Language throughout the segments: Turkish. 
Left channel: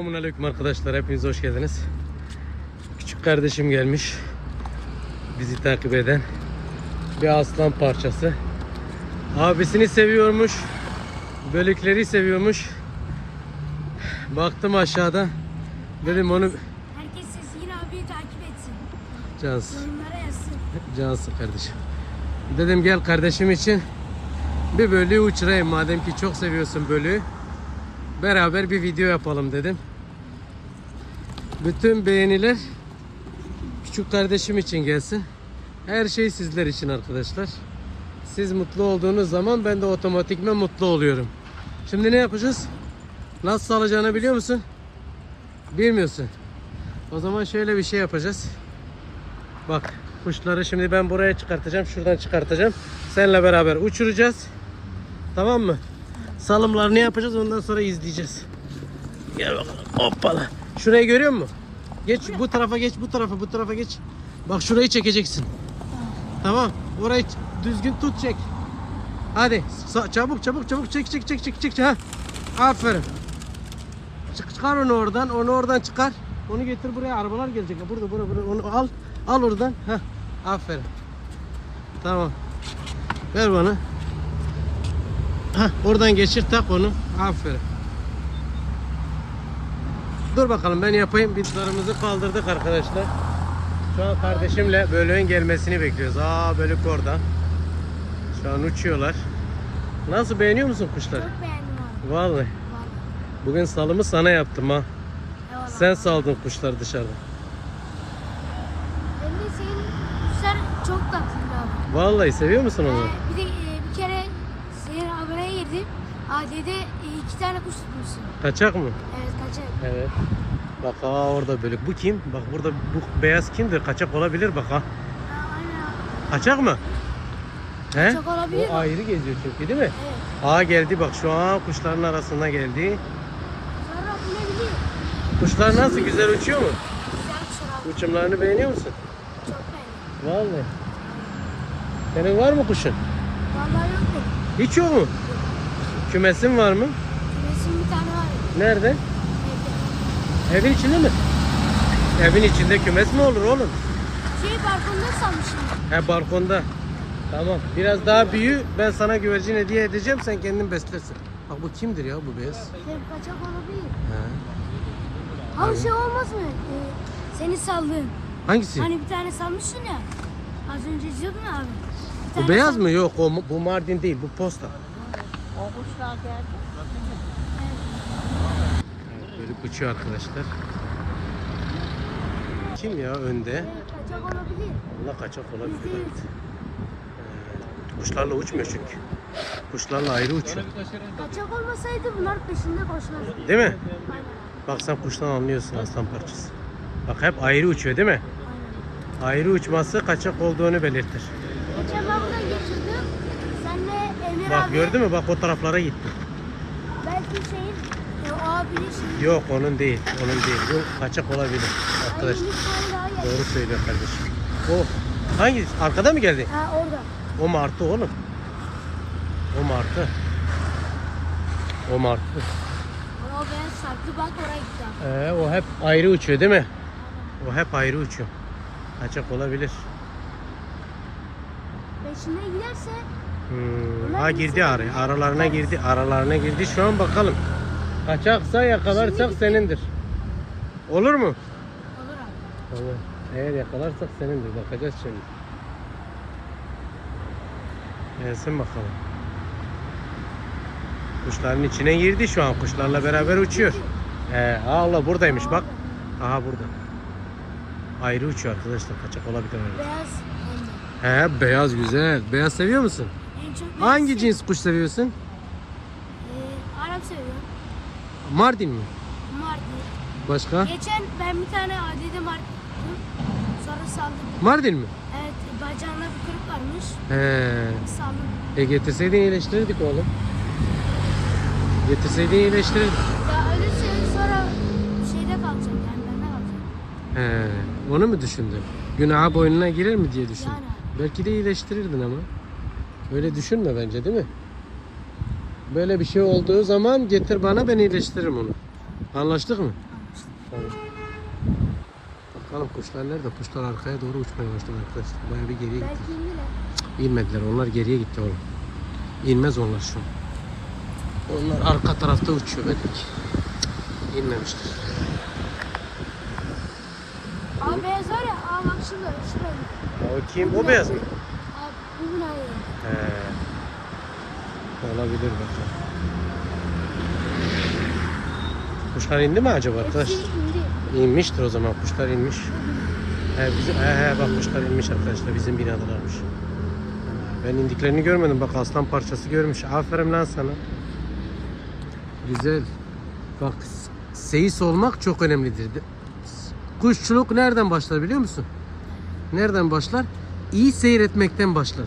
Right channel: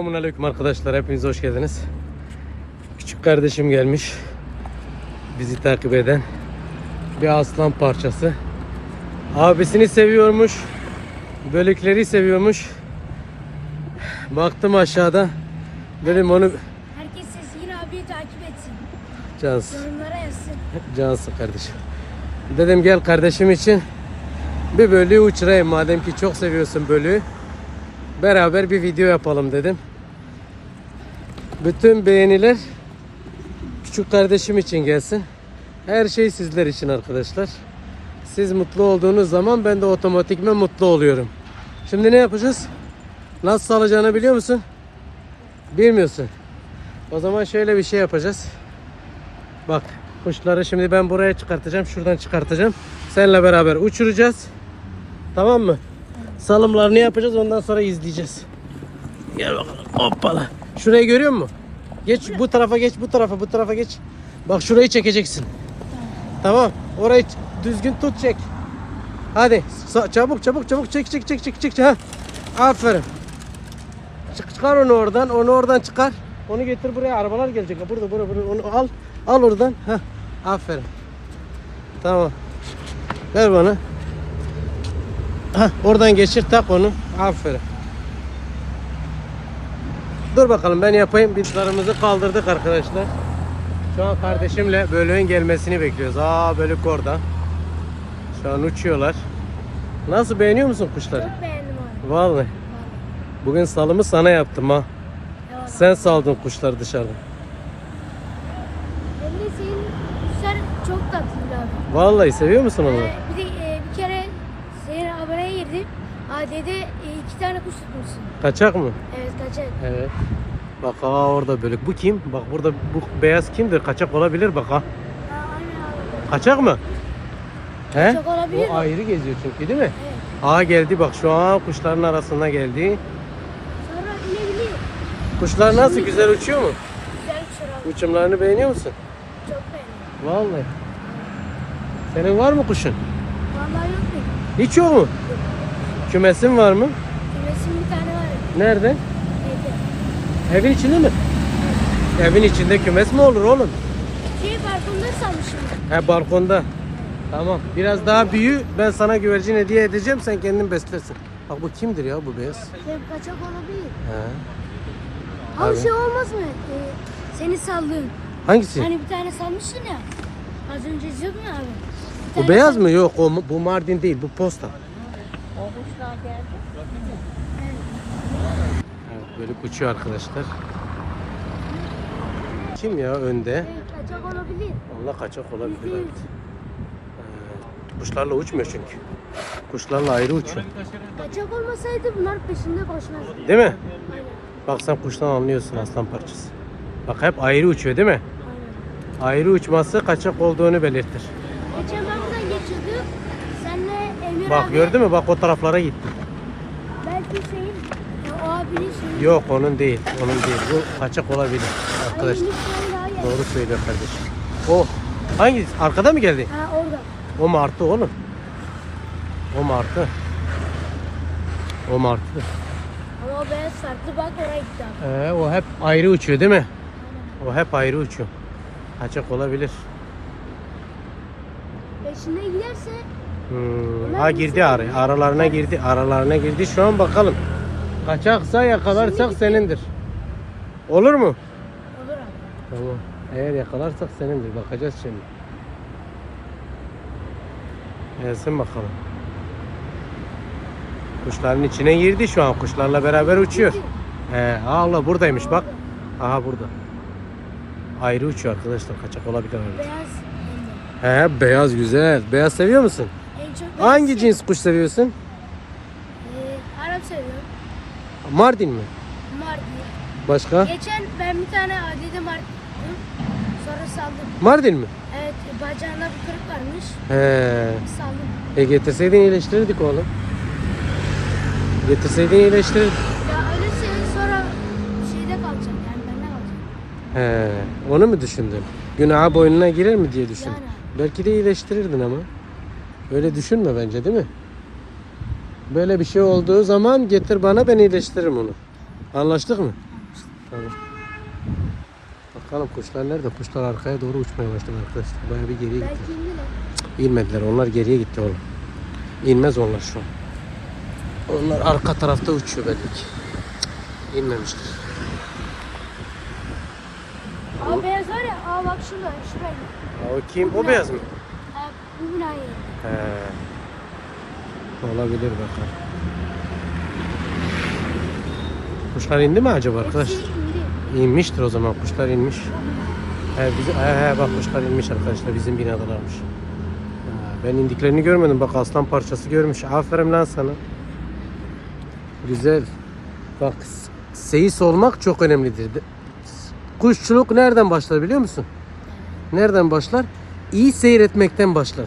Selamünaleyküm arkadaşlar. Hepiniz hoş geldiniz. Küçük kardeşim gelmiş. Bizi takip eden bir aslan parçası. Abisini seviyormuş. Bölükleri seviyormuş. Baktım aşağıda. Dedim onu Herkes Sezgin abiyi takip etsin. cansın. Yorumlara yazsın. Cansın kardeşim. Dedim gel kardeşim için bir bölüğü uçurayım madem ki çok seviyorsun bölüğü. Beraber bir video yapalım dedim. Bütün beğeniler küçük kardeşim için gelsin. Her şey sizler için arkadaşlar. Siz mutlu olduğunuz zaman ben de otomatikman mutlu oluyorum. Şimdi ne yapacağız? Nasıl salacağını biliyor musun? Bilmiyorsun. O zaman şöyle bir şey yapacağız. Bak kuşları şimdi ben buraya çıkartacağım. Şuradan çıkartacağım. Seninle beraber uçuracağız. Tamam mı? Salımlarını yapacağız. Ondan sonra izleyeceğiz. Gel bakalım. Hoppala. Şurayı görüyor musun? Geç bu tarafa geç. Bu tarafa bu tarafa geç. Bak şurayı çekeceksin. Tamam. Orayı düzgün tut çek. Hadi. Çabuk çabuk çabuk çek çek çek çek çek. Ha. Aferin. Çık, çıkar onu oradan. Onu oradan çıkar. Onu getir buraya. Arabalar gelecek. Burada burada burada. Onu al. Al oradan. Ha. Aferin. Tamam. Ver bana. Ha, oradan geçir tak onu. Aferin. Dur bakalım ben yapayım. Bizlerimizi kaldırdık arkadaşlar. Şu an kardeşimle bölüğün gelmesini bekliyoruz. Aa bölük oradan. Şu an uçuyorlar. Nasıl beğeniyor musun kuşları? Çok beğendim abi. Vallahi. Vallahi. Bugün salımı sana yaptım ha. Eyvallah. Sen saldın kuşları dışarıda. Hem de senin kuşlar çok tatlı abi. Vallahi seviyor musun onu? Ee, bir de e, bir kere senin haberine girdim. AD'de e, iki tane kuş tutmuşsun. Kaçak mı? Evet kaçak. Evet. Bak ha orada bölük. Bu kim? Bak burada bu beyaz kimdir? Kaçak olabilir bak ha. Ha, aynen abi. Kaçak mı? He? Kaçak olabilir O mi? ayrı geziyor çünkü değil mi? Evet. Aa geldi bak şu an kuşların arasına geldi. Sonra inebilir. Kuşlar nasıl güzel uçuyor mu? Güzel abi. Uçumlarını beğeniyor musun? Çok beğendim. Vallahi. Senin var mı kuşun? Vallahi yok? Hiç yok mu? Kümesin var mı? Kümesin bir tane var. Nerede? Evde. Evin içinde mi? Evin içinde kümes mi olur oğlum? Şey balkonda sanmışım. He balkonda. Tamam. Biraz daha büyü. Ben sana güvercin hediye edeceğim. Sen kendin beslersin. Bak bu kimdir ya bu beyaz? Şey kaçak olabilir. He. Abi Abi. şey olmaz mı? Ee, seni saldın. Hangisi? Hani bir tane salmışsın ya. Az önce diyordun abi. Bu beyaz mı? Yok o bu Mardin değil. Bu posta. Evet. Evet, böyle uçuyor arkadaşlar. Kim ya önde? Şey, kaçak olabilir. Onda kaçak olabilir. Evet. Kuşlarla uçmuyor çünkü. Kuşlarla ayrı uçuyor. Kaçak olmasaydı bunlar peşinde koşmazdı. Değil mi? Aynen. Bak sen kuştan anlıyorsun aslan parçası. Bak hep ayrı uçuyor değil mi? Aynen. Ayrı uçması kaçak olduğunu belirtir. Geçen ben buradan geçiyordum. Bak gördün mü? Bak o taraflara gitti. Belki şeyin abinin şeyin. Yok onun değil. Onun değil. Bu kaçak olabilir. Arkadaşlar. Doğru söylüyor kardeşim. O hangisi? Arkada mı geldi? Ha orada. O martı oğlum. O martı. O martı. Ama o beyaz farklı bak oraya gitti abi. Ee, o hep ayrı uçuyor değil mi? O hep ayrı uçuyor. Kaçak olabilir. Peşinde giderse Hmm. Ha girdi araya. Aralarına girdi. Aralarına girdi. Şu an bakalım. Kaçaksa yakalarsak senindir. Olur mu? olur abi. Tamam. Eğer yakalarsak senindir. Bakacağız şimdi. Gelsin bakalım. Kuşların içine girdi şu an. Kuşlarla beraber uçuyor. He, Allah buradaymış bak. Aha burada. Ayrı uçuyor arkadaşlar. Kaçak olabilir. Beyaz. He, beyaz güzel. Beyaz seviyor musun? En çok Hangi seviyorum. cins kuş seviyorsun? Ee, Arap seviyorum. Mardin mi? Mardin. Başka? Geçen ben bir tane adide Mardin sonra saldım. Mardin mi? Evet bacağında bir kırık varmış. He. Saldım. E getirseydin iyileştirirdik oğlum. Getirseydin iyileştirirdik. Ya öyle şey sonra şeyde kalacak yani bende kalacak. He. Onu mu düşündün? Günaha boynuna girer mi diye düşün. Yani. Belki de iyileştirirdin ama. Öyle düşünme bence değil mi? Böyle bir şey olduğu zaman getir bana ben iyileştiririm onu. Anlaştık mı? Tamam. Bakalım kuşlar nerede? Kuşlar arkaya doğru uçmaya başladı arkadaşlar. Bayağı bir geriye gitti. İnmediler. Onlar geriye gitti oğlum. İnmez onlar şu an. Onlar arka tarafta uçuyor belki. İnmemiştir. Aa beyaz var ya. Aa bak şurada. Şuraya. O kim? O beyaz mı? He. Olabilir bakalım. Kuşlar indi mi acaba arkadaş? İnmiştir o zaman. Kuşlar inmiş. He, bizi, he, he, bak kuşlar inmiş arkadaşlar. Bizim. He, Ben indiklerini görmedim. Bak aslan parçası görmüş. Aferin lan sana. Güzel. Bak seyis olmak çok önemlidir. Kuşçuluk nereden başlar biliyor musun? Nereden başlar? İyi seyretmekten başlar.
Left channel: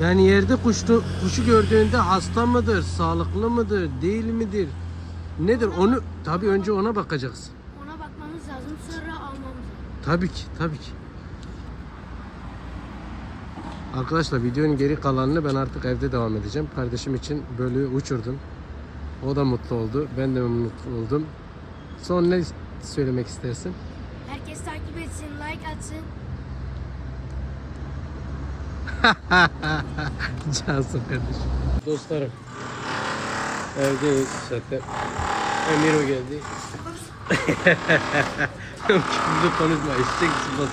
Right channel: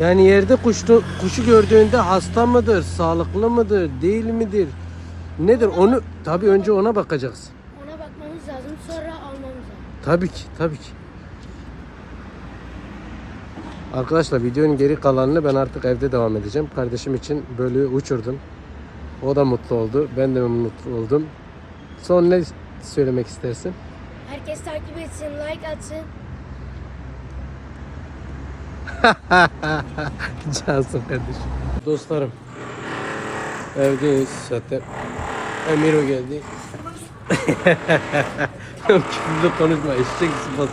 Yani yerde kuşu, kuşu gördüğünde hasta mıdır, sağlıklı mıdır, değil midir? Nedir? Onu tabii önce ona bakacaksın. Ona bakmamız lazım. Sonra almamız lazım. Tabii ki, tabii ki. Arkadaşlar videonun geri kalanını ben artık evde devam edeceğim. Kardeşim için bölüğü uçurdum. O da mutlu oldu. Ben de mutlu oldum. Son ne söylemek istersin? Herkes takip etsin. Like atsın. Cansın kardeşim. Dostlarım. Evdeyiz zaten. Emiro geldi. Küfürlü konuşma. Eşek sıfat.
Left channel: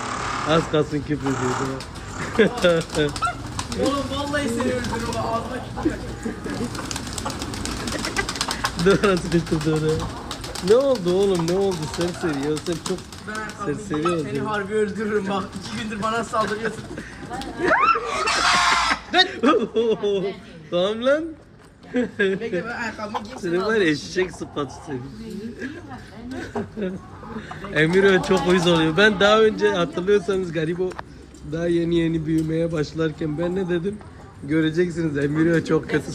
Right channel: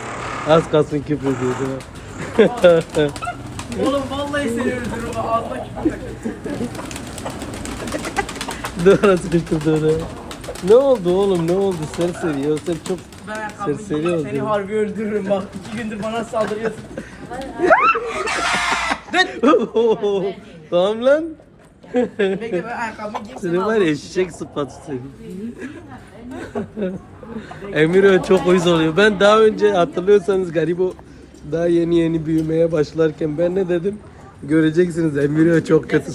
Az kalsın küfür ediyordu. Oğlum vallahi seni öldürürüm ağzıma Doğrusu küfür doğru. Ne oldu oğlum ne oldu serseri ya sen çok serseri oldun. Seni harbi öldürürüm bak. iki gündür bana saldırıyorsun. Tamam lan. Seni var ya eşek sıfatı seni. Emir çok uyuz oluyor. Ben daha önce hatırlıyorsanız garibo daha yeni yeni büyümeye başlarken ben ne dedim? Göreceksiniz Emir çok kötü.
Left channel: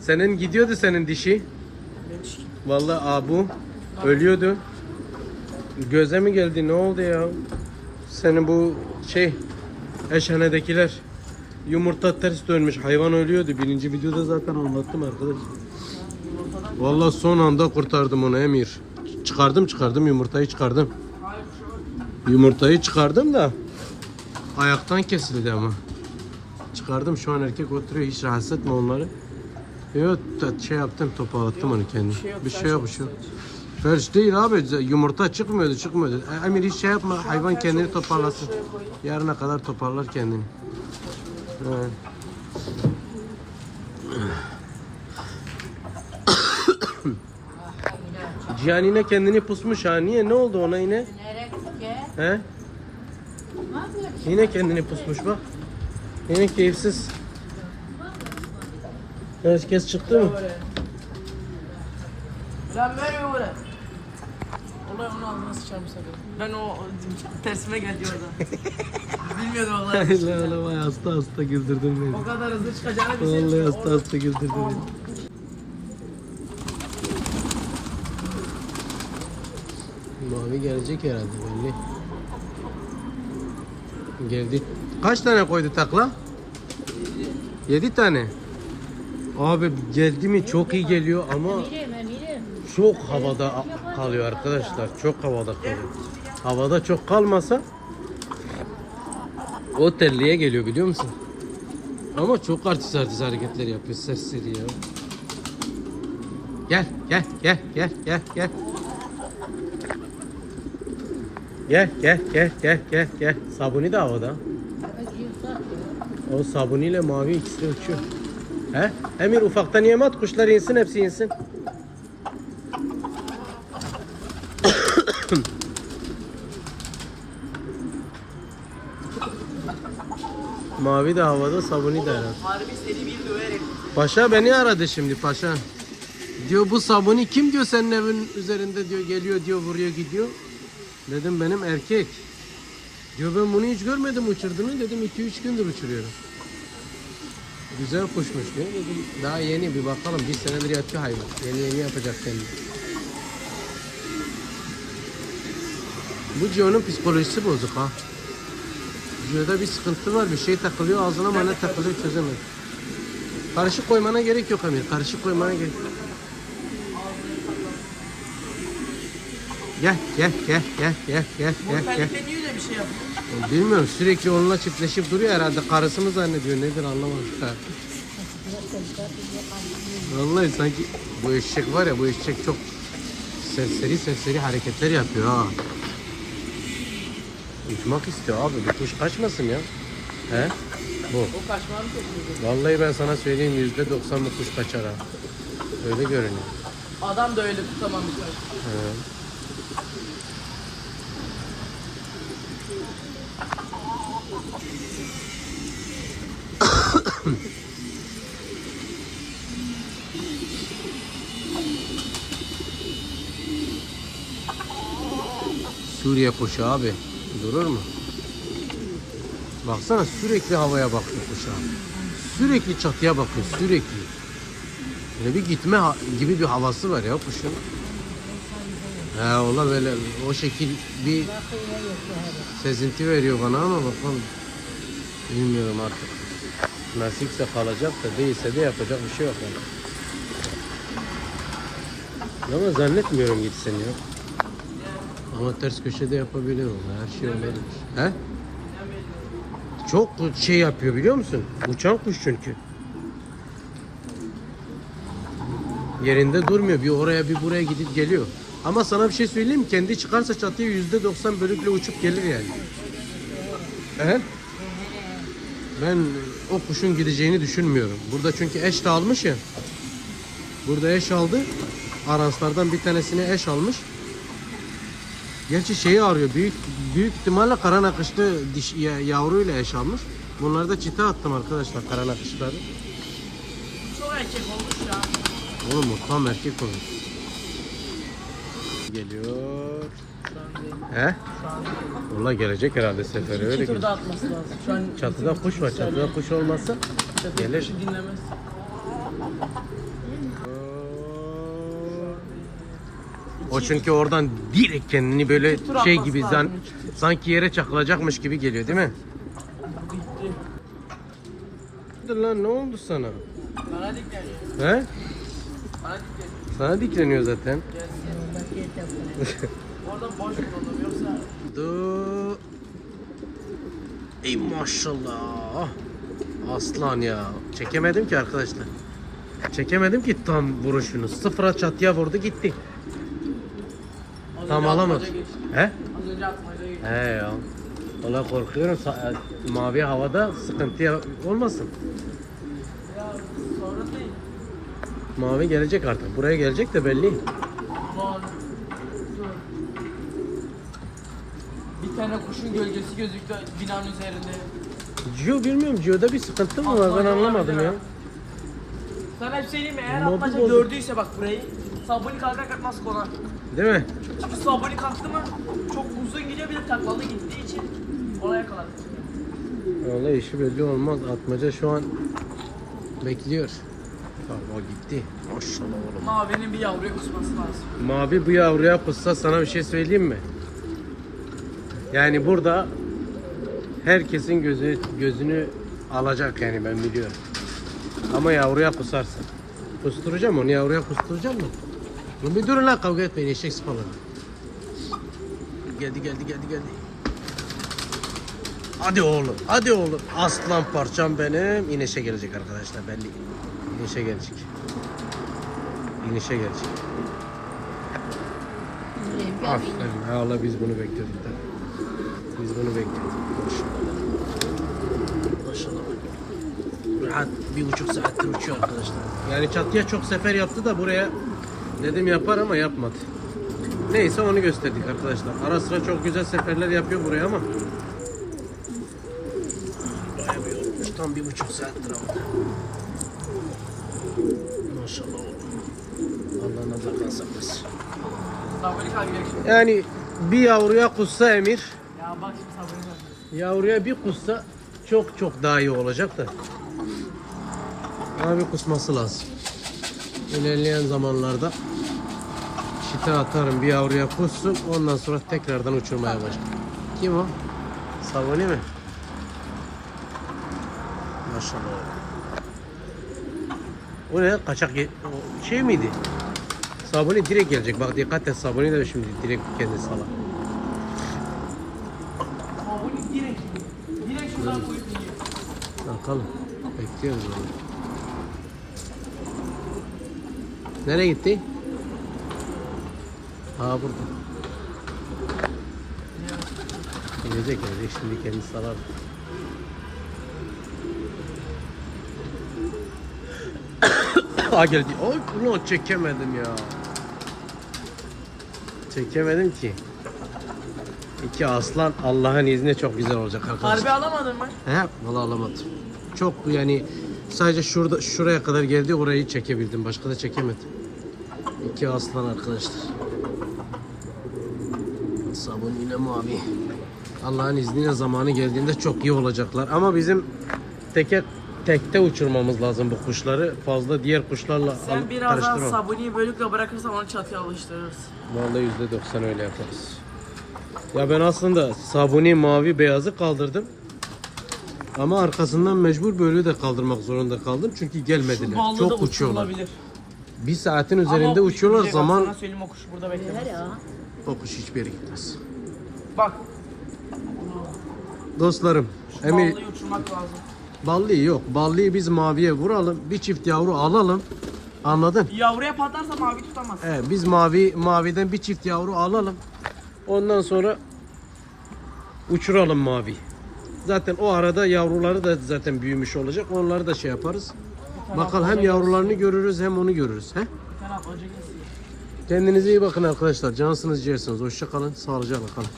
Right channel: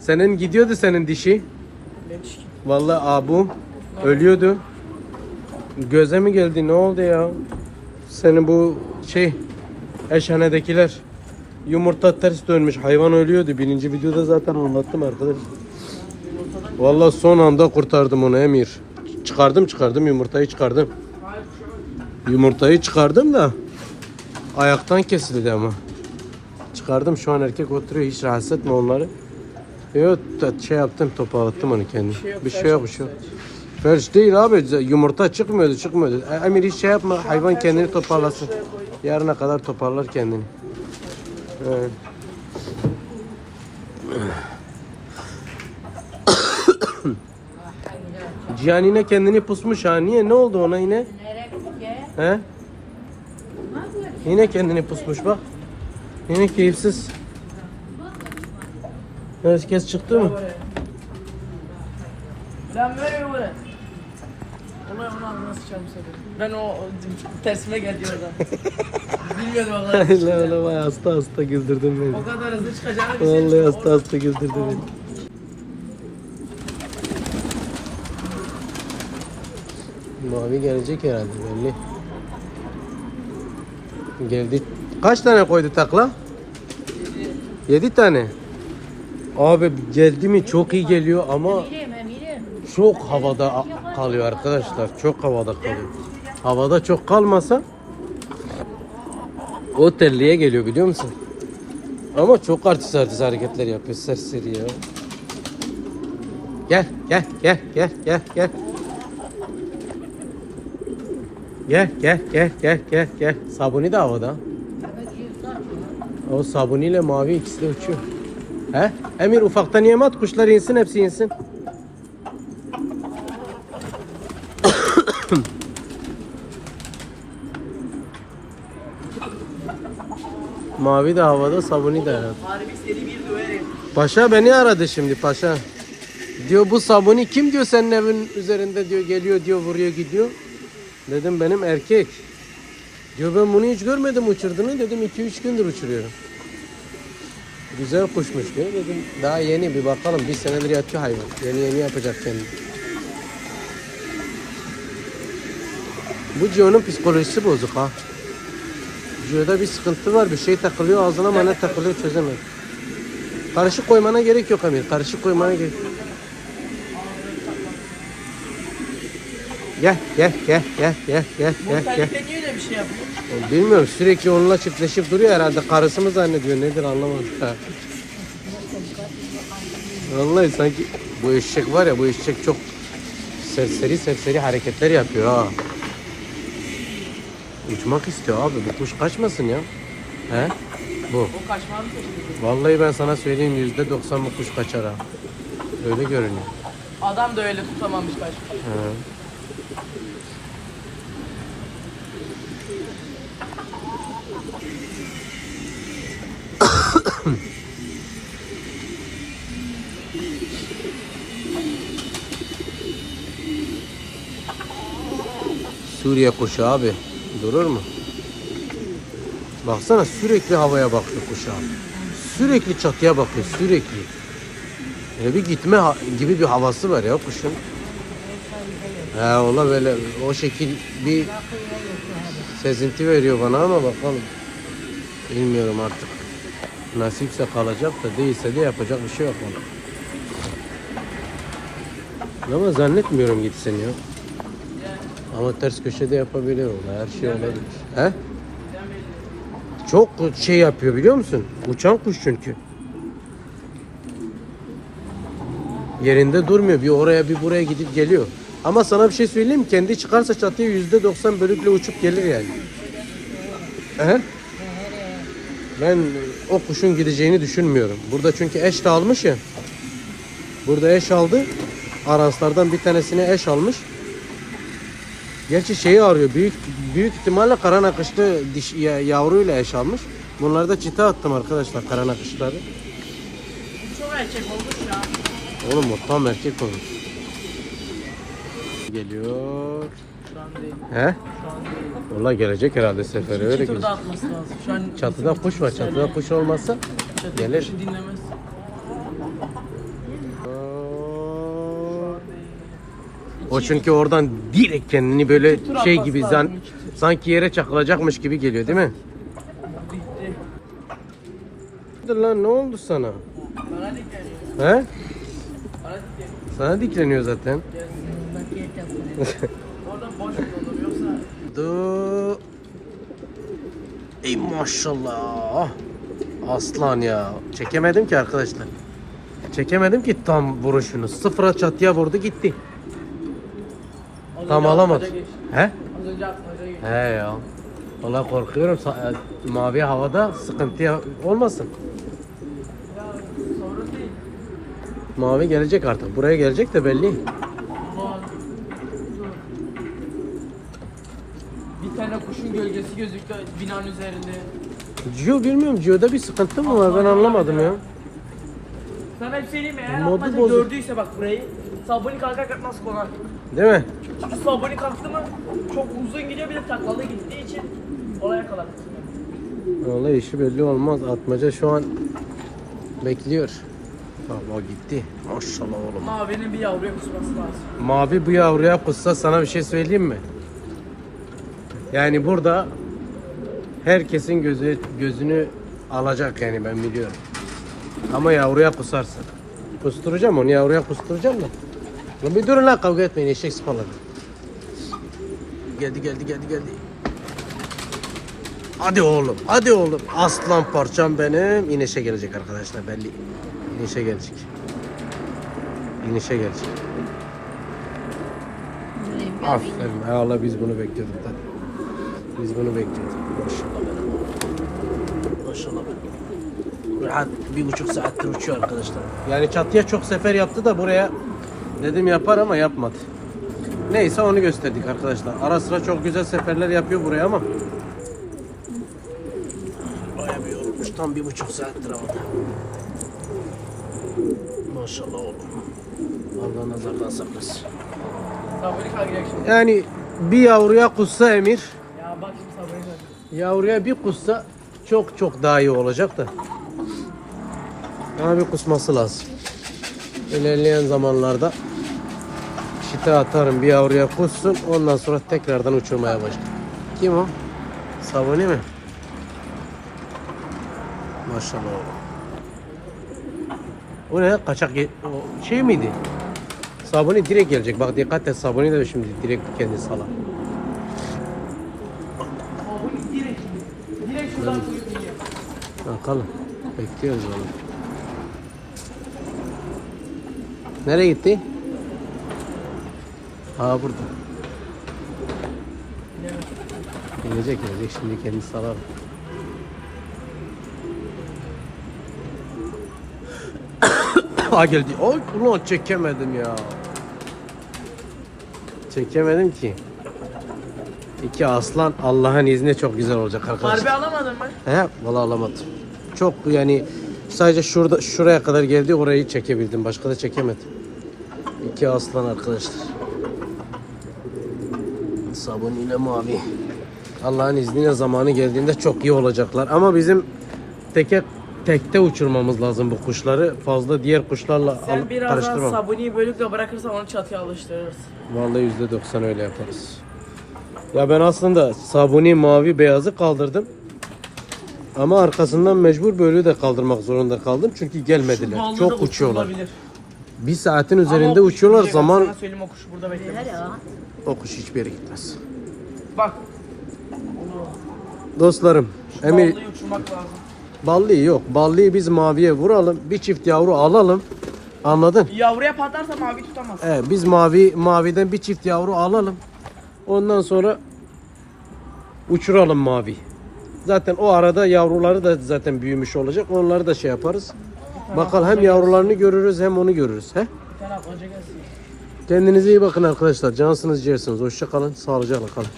Senin gidiyordu senin dişi. Vallahi abum ölüyordu. Göze mi geldi? Ne oldu ya? Senin bu şey eşhanedekiler yumurta ters dönmüş. Hayvan ölüyordu. Birinci videoda zaten anlattım arkadaş. Vallahi son anda kurtardım onu Emir. Çıkardım çıkardım yumurtayı çıkardım. Yumurtayı çıkardım da ayaktan kesildi ama. Çıkardım şu an erkek oturuyor hiç rahatsız etme onları. Yok şey yaptım toparlattım onu kendim. şey yok, Bir şey yok bir şey yok. Felç değil abi yumurta çıkmıyordu çıkmıyordu. E, Emir hiç şey yapma hayvan kendini toparlasın. Yarına kadar toparlar kendini. Evet. Cihan yine kendini pusmuş ha. Niye? Ne oldu ona yine? He? Yine kendini pusmuş bak. Yine keyifsiz. Herkes çıktı mı? Lan böyle mi seni? Ben o, tersime geldi orada. Bilmiyordum vallahi. Lan lan vay hasta hasta güldürdün beni. O kadar hızlı çıkacağını bilseydim. Vallahi hasta hasta güldürdün beni. Mavi gelecek herhalde belli. Geldi. Kaç tane koydu takla? 7 tane. Abi geldi mi çok iyi geliyor ama çok havada kalıyor arkadaşlar. Çok havada kalıyor. Havada çok kalmasa o geliyor biliyor musun? Ama çok artist artist hareketler yapıyor serseri ya. Gel gel gel gel gel gel. Gel gel gel gel gel gel. Sabuni de havada. O sabuniyle mavi ikisi de uçuyor. He? Emir ufaktan yem at kuşlar insin hepsi insin. Mavi de havada, sabuni de herhalde. Harbi seri bir döverim. Paşa beni aradı şimdi paşa. Diyor bu sabuni kim diyor senin evin üzerinde diyor geliyor diyor vuruyor gidiyor. Dedim benim erkek. Diyor ben bunu hiç görmedim uçurduğunu dedim 2-3 gündür uçuruyorum. Güzel kuşmuş diyor dedim. Daha yeni bir bakalım bir senedir yatıyor hayvan. Yeni yeni yapacak kendini. Bu Gio'nun psikolojisi bozuk ha. Gio'da bir sıkıntı var bir şey takılıyor ağzına ama ne takılıyor çözemedim. Karışık koymana gerek yok Amir. Karışık koymana gerek Gel gel gel gel gel gel Bu gel gel. terlikle niye öyle bir şey yapıyor? Bilmiyorum sürekli onunla çiftleşip duruyor herhalde. Karısı mı zannediyor nedir anlamadım. Ha. Vallahi sanki bu eşek var ya bu eşek çok serseri serseri hareketler yapıyor ha. Uçmak istiyor abi bu kuş kaçmasın ya. He? Bu. Vallahi ben sana söyleyeyim yüzde doksan bu kuş kaçar ha. Öyle görünüyor. Adam da öyle tutamam bir tane. He. Suriye kuşu abi. Durur mu? Baksana sürekli havaya bakıyor kuş abi. Sürekli çatıya bakıyor sürekli. Böyle bir gitme gibi bir havası var ya kuşun. He ola böyle o şekil bir sezinti veriyor bana ama bakalım. Bilmiyorum artık. Nasipse kalacak da değilse de yapacak bir şey yok. Ama zannetmiyorum gitsin ya. Ama ters köşede yapabiliyor. Her şey olabilir. He? Çok şey yapıyor biliyor musun? Uçan kuş çünkü. Yerinde durmuyor. Bir oraya bir buraya gidip geliyor. Ama sana bir şey söyleyeyim? Kendi çıkarsa çatıya yüzde doksan bölükle uçup gelir yani. He? Ben o kuşun gideceğini düşünmüyorum. Burada çünkü eş de almış ya. Burada eş aldı. Aranslardan bir tanesine eş almış. Gerçi şeyi arıyor. Büyük büyük ihtimalle kara nakışlı diş, ya, yavruyla eş almış. Bunları da çite attım arkadaşlar kara nakışları. Bu çok erkek olmuş ya. Oğlum o tam erkek o. Geliyor. He? Vallahi gelecek herhalde seferi öyle an Çatıda kuş var. Çatıda kuş olmazsa gelir. kuşu dinlemez. O çünkü oradan direkt kendini böyle şey gibi zan, sanki yere çakılacakmış gibi geliyor değil mi? Bitti. Lan ne oldu sana? Bana dikleniyor. He? Bana dikleniyor. Sana dikleniyor zaten. Du. Ey maşallah. Aslan ya. Çekemedim ki arkadaşlar. Çekemedim ki tam vuruşunu. Sıfıra çatıya vurdu gitti. Tam alamadı. He? Az önce atmaca geçti. He ya. Valla korkuyorum e, mavi havada sıkıntı olmasın. Mavi gelecek artık. Buraya gelecek de belli. Bir tane kuşun gölgesi gözüktü binanın üzerinde. Gio bilmiyorum. Gio'da bir sıkıntı mı var? Ben anlamadım ya. Sana bir şey diyeyim mi? Eğer Modu atmaca bozuk. gördüyse bak burayı sabuni kalkarken nasıl konar? Değil mi? Çünkü sabuni kalktı mı çok uzun gidiyor bir de taklalı gittiği için olaya kadar. Vallahi işi belli olmaz. Atmaca şu an bekliyor. O gitti. Maşallah oğlum. Mavinin bir yavruya kusması lazım. Mavi bu yavruya kussa sana bir şey söyleyeyim mi? Yani burada herkesin gözü gözünü alacak yani ben biliyorum. Ama yavruya kusarsın. Kusturacağım onu yavruya kusturacağım da. Lan bir durun lan kavga etmeyin eşek sıpaları. Geldi geldi geldi geldi. Hadi oğlum hadi oğlum. Aslan parçam benim. İnişe gelecek arkadaşlar belli. İnişe gelecek. İnişe gelecek. Aferin. Allah biz bunu bekliyorduk da. Biz bunu bekliyorduk. Maşallah. Maşallah. Rahat bir buçuk saattir uçuyor arkadaşlar. Yani çatıya çok sefer yaptı da buraya dedim yapar ama yapmadı. Neyse onu gösterdik arkadaşlar. Ara sıra çok güzel seferler yapıyor buraya ama. Baya bir olmuş. Tam bir buçuk saattir havada. Maşallah oğlum. Allah nazardan saklasın. Yani bir yavruya kussa Emir, Ya bak şimdi kalkacak. yavruya bir kussa çok çok daha iyi olacak da. Ama bir kusması lazım. İlerleyen zamanlarda şite atarım bir yavruya kussun ondan sonra tekrardan uçurmaya başlarım. Kim o? Sabuni mi? Maşallah. Bu ne? Kaçak şey miydi? Sabuni direkt gelecek. Bak dikkat et Sabuni de şimdi direkt kendi sala. Sabuni direkt. Direkt şuradan koyup iniyor. Bakalım. Bekliyoruz onu. Nereye gitti? Aa burada. Gelecek gelecek şimdi kendi sarar. Aa geldi. Ay ulan çekemedim ya. Çekemedim ki. İki aslan Allah'ın izniyle çok güzel olacak arkadaşlar. Harbi alamadın mı? He, valla alamadım. Çok yani sadece şurada şuraya kadar geldi orayı çekebildim. Başka da çekemedim. İki aslan arkadaşlar. Sabun ile mavi. Allah'ın izniyle zamanı geldiğinde çok iyi olacaklar. Ama bizim teke tekte uçurmamız lazım bu kuşları. Fazla diğer kuşlarla Sen al- biraz daha karıştırmam. sabuniyi bölükle bırakırsan onu çatıya alıştırırız. Vallahi yüzde doksan öyle yaparız. Ya ben aslında sabuni mavi beyazı kaldırdım. Ama arkasından mecbur böyle de kaldırmak zorunda kaldım çünkü gelmediler. Ballı da Çok uçuyorlar. Bir saatin Ama üzerinde o kuş uçuyorlar gidecek, zaman Sana söyleyeyim o kuş burada beklemez. o kuş hiçbir yere gitmez. Bak. Dostlarım, Emir uçurmak lazım. ballıyı yok. Ballıyı biz maviye vuralım. Bir çift yavru alalım. Anladın? Yavruya patlarsa mavi tutamaz. Evet, biz mavi maviden bir çift yavru alalım. Ondan sonra uçuralım mavi. Zaten o arada yavruları da zaten büyümüş olacak. Onları da şey yaparız. Bakalım hem yavrularını görürüz hem onu görürüz. He? Kendinize iyi bakın arkadaşlar. Cansınız ciğersiniz. Hoşça kalın. Sağlıcakla kalın.